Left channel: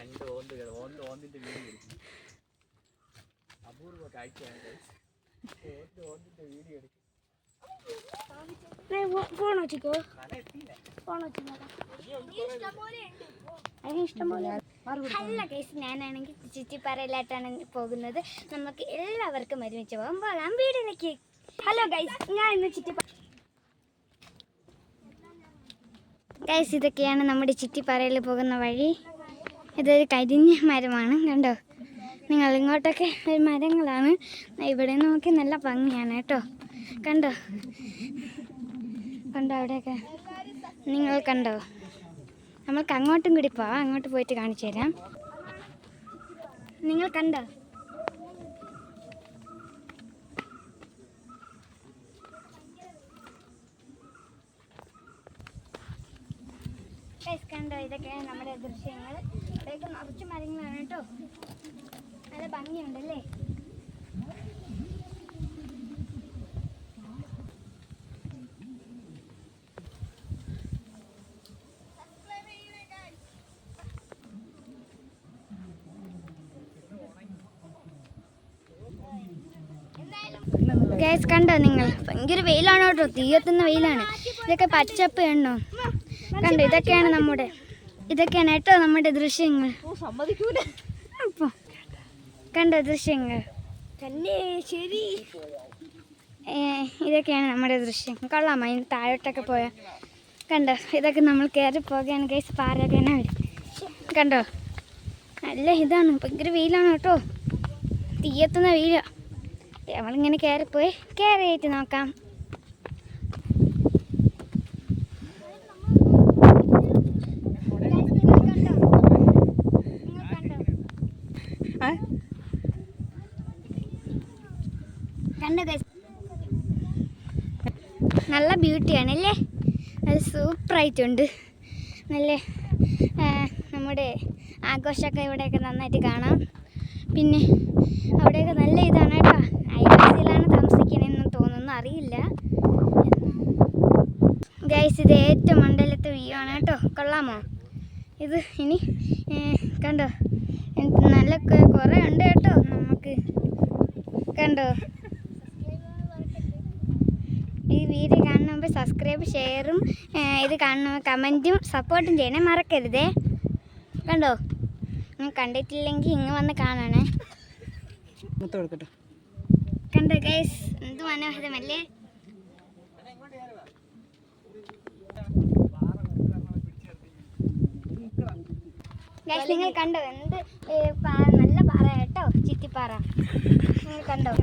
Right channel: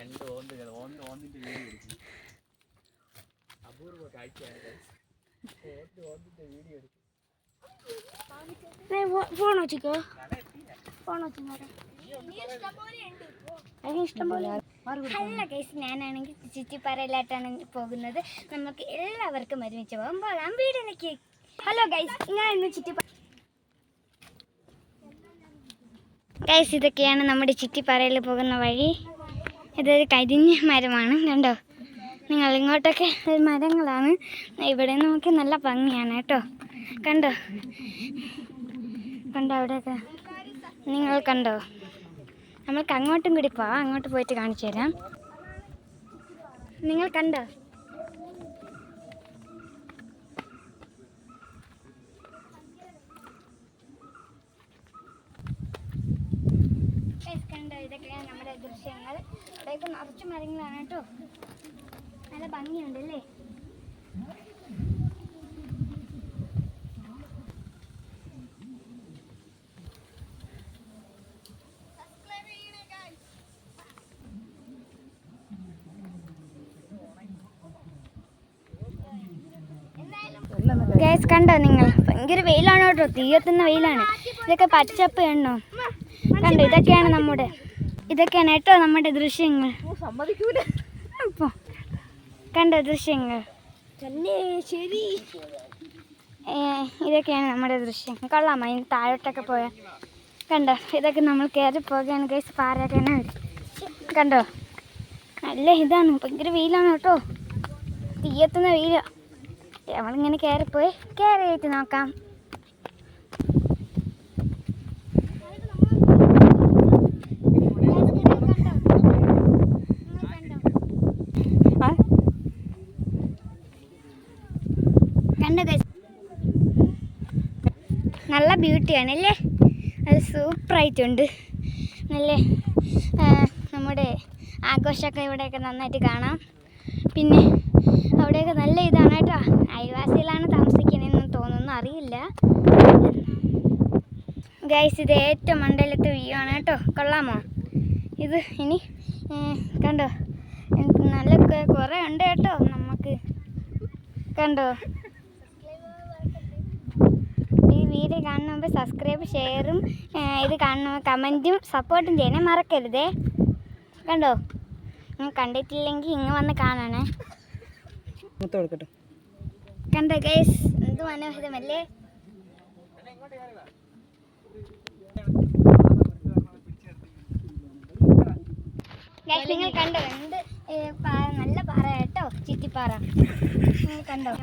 രണ്ട് ഓന്തുകൾ ഓന്തിന്റെ വീഡിയോ എടുക്കും. അപൂർവ കാഴ്ചയാണ്. ഓന്തിന്റെ വീഡിയോ എടുക്കും. ഫോണോ ചിക്കോ ഫോണോ ഇഷ്ടംപോലെ. ഹലോ ഗൈസ്, ഞാനാണെങ്കിൽ ചുറ്റിപ്പാറയിലായിട്ടാണ് പോകുന്നത്. നമുക്ക് എല്ലാവർക്കും ഒരുമിച്ച് പോകുമ്പോൾ വീടിലേക്ക്. ഹലോ ഗൈസ്, ഞാൻ ഇന്ന് ചുറ്റിപ്പാറ. ഗൈസ്, ഇതൊക്കെയാണ് നമ്മുടെ ചുറ്റിപ്പാറയിൽ പോകുന്ന വഴി. ഇതൊരു കരിഞ്ഞ മരമാണ്, കണ്ടോ നിങ്ങൾ. ഇങ്ങോട്ടൊക്കെ മരങ്ങളാണ്. ഇവിടെ നമുക്ക് നല്ല ഭംഗിയാണ് കേട്ടോ. കണ്ടോ കണ്ടോ അവിടെയൊക്കെ നിങ്ങൾ കണ്ടോ. നമ്മൾക്ക് അങ്ങോട്ടും കൂടി പോവാം. അങ്ങോട്ട് പോയിട്ട് കാണിച്ചു തരാം. നിങ്ങൾ കണ്ടോ. കണ്ടോ, ഇതൊക്കെയാണ് നമ്മുടെ ദൃശ്യങ്ങൾ. ഇവിടെയൊക്കെ നിറച്ച് മരങ്ങളാണ് കേട്ടോ. നല്ല ഭംഗിയുണ്ടല്ലേ. ഗൈസ്, കണ്ടോ നിങ്ങൾ, ഭയങ്കര വെയിലാണ് കേട്ടോ. തീയത്തുന്ന വെയിലാണ്. ഇതൊക്കെ പച്ചപ്പ് കണ്ടോ. കണ്ടോ, ഇതൊക്കെയാണ് കേട്ടോ നമ്മുടെ ദൃശ്യങ്ങൾ. അപ്പോൾ കണ്ടോ ദൃശ്യങ്ങൾ. ഇതൊക്കെയാണ് നമ്മുടെ ദൃശ്യങ്ങൾ. കൊള്ളാമോ. ഇനി താഴോട്ടൊക്കെ പോയാൽ കണ്ടോ. ഇതൊക്കെ നമ്മൾ കയറി പോകുകയാണ് ഗൈസ്. പാറയൊക്കെ വരും. കണ്ടോ, നല്ല ഇതാണ്. ഭയങ്കര വെയിലാണ് കേട്ടോ. തീയത്തുന്ന വെയിലാണ്. നമ്മളിങ്ങനെ കയറിയിട്ട് നോക്കാം. നല്ല ബ്യൂട്ടിയാണല്ലേ. അത് സൂപ്പറായിട്ടുണ്ട്. നല്ല നമ്മുടെ ആഘോഷമൊക്കെ ഇവിടെയൊക്കെ നന്നായിട്ട് കാണാം. പിന്നെ അവിടെയൊക്കെ നല്ല ഇതാണ് കേട്ടോ. അയൽവാസിയിലാണ് താമസിക്കുന്നതെന്ന് തോന്നുന്നു, അറിയില്ല ഗൈസ്. ഇത് ഏറ്റവും മണ്ടയിലത്തെ വ്യൂ ആണ് കേട്ടോ. കൊള്ളാമോ ഇത്. ഇനി കണ്ടോ, നല്ല കുറേ ഉണ്ട് കേട്ടോ നമുക്ക്. കണ്ടോ, ഈ വീഡിയോ കാണുന്ന മുമ്പ് സബ്സ്ക്രൈബ്, ഷെയറും ഇത് കാണുന്ന കമൻറ്റും സപ്പോർട്ടും ചെയ്യണേ മറക്കരുതേ. കണ്ടോ, കണ്ടിട്ടില്ലെങ്കിൽ ഇങ്ങ് വന്ന് കാണണേ. കണ്ടോ ഗൈസ്, എന്ത് മനോഹരമല്ലേ. നിങ്ങൾ കണ്ടോ, എന്ത് നല്ല പാറ കേട്ടോ, ചുറ്റിപ്പാറ. നിങ്ങൾ കണ്ടോ.